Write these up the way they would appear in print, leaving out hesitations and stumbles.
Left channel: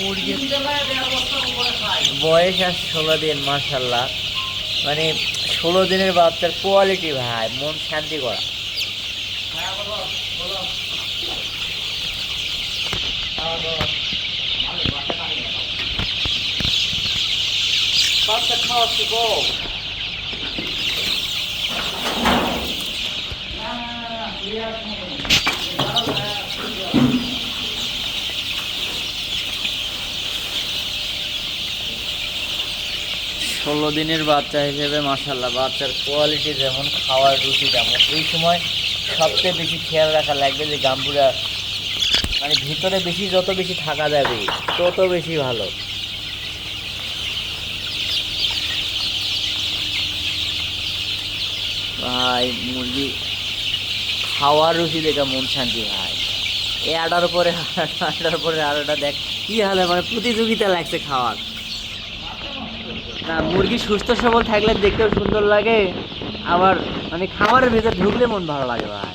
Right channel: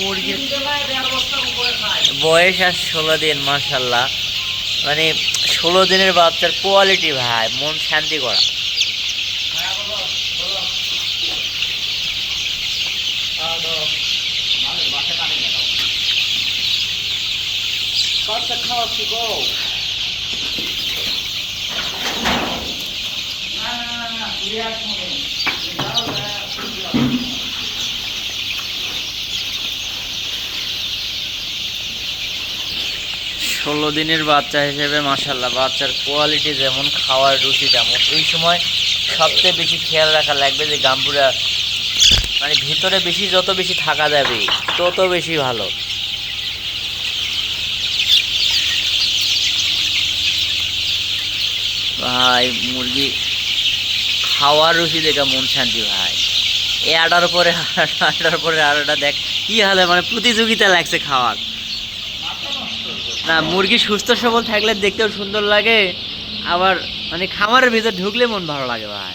মুরগির বয়স আর 16 দিন, মাশাল্লাহ। মানে 16 দিনের বাচ্চার কোয়ালিটি ভাই, মন শান্তি করা। ষোলো দিনের বাচ্চা হিসেবে মাশাল্লাহ, বাচ্চার কোয়ালিটি যেমন, খাওয়ার রুচি তেমন। এই সময় সবচেয়ে বেশি খেয়াল রাখা লাগবে যে গাম্বুরা মানে ভিতরে বেশি, যত বেশি থাকা যাবে তত বেশি ভালো। ভাই মুরগি খাওয়ার রুচি দেখে মন শান্তি ভাই। এ আটার পরে আটাটা দেখ কি হালে, মানে প্রতিযোগিতা লাগছে খাওয়ার। না, মুরগি সুস্থ সবল থাকলে দেখতেও সুন্দর লাগে, আবার মানে খামারের ভিতর ঢুকলে মন ভালো লাগে ভাই।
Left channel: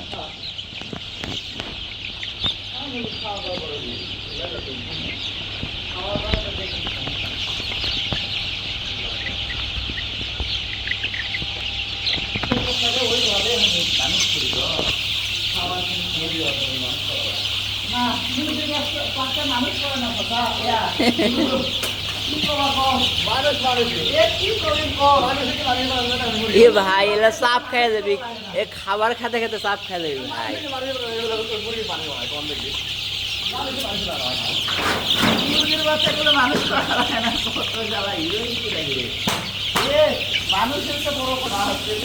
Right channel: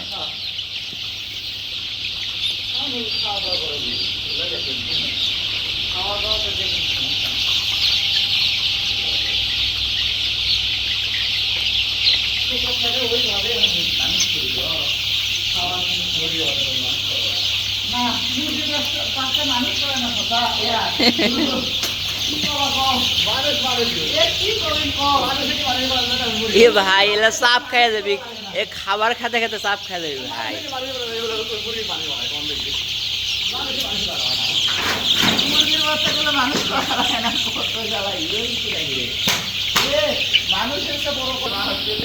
এ ভাই এলা চাপ খাই যাবি, এ খাবার খেতে খেতে চাপ খাই যাবি ভাই।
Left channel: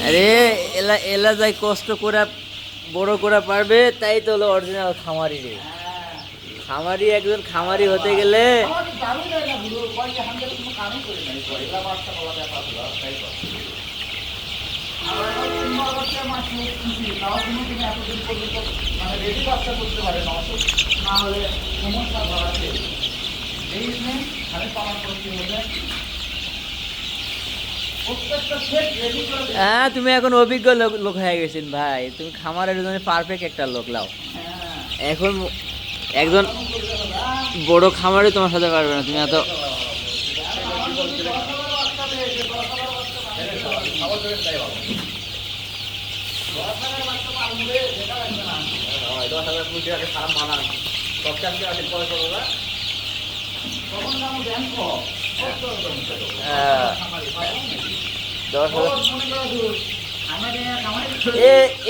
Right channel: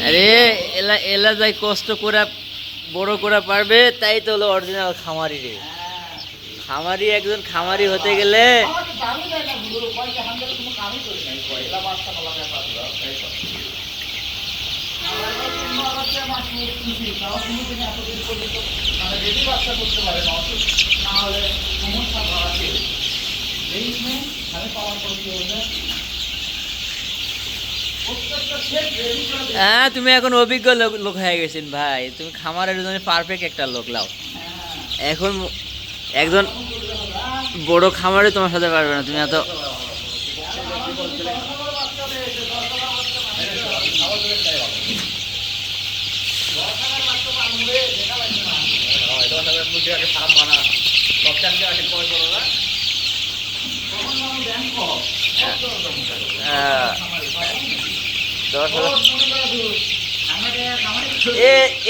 আরে এলা এলা যাই কষ্ট করে বড় করে পারবে, তাই তো হলো অরিজিনাল খামারি রে। খামারি, একজন খামারি হতে গেলে হ্যাঁ, তুমি এখন অভিজ্ঞ লোক হয়ে গেছেন ভাই, তুমি খামারের জন্য পারফেক্ট একটা লোক লাও। এখন একজন বড় খামারে তোমার সাথে পারবে না, তুমি এত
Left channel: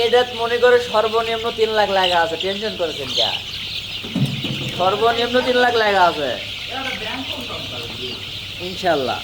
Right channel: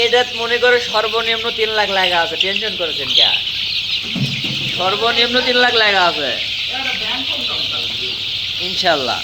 এটা মনে করে সর্বনিম্ন 3 লাখ লাগা আছে, টেনশন করেছেন কে? সর্বনিম্ন 3 লাখ লাগা আছে ইনশাল্লাহ।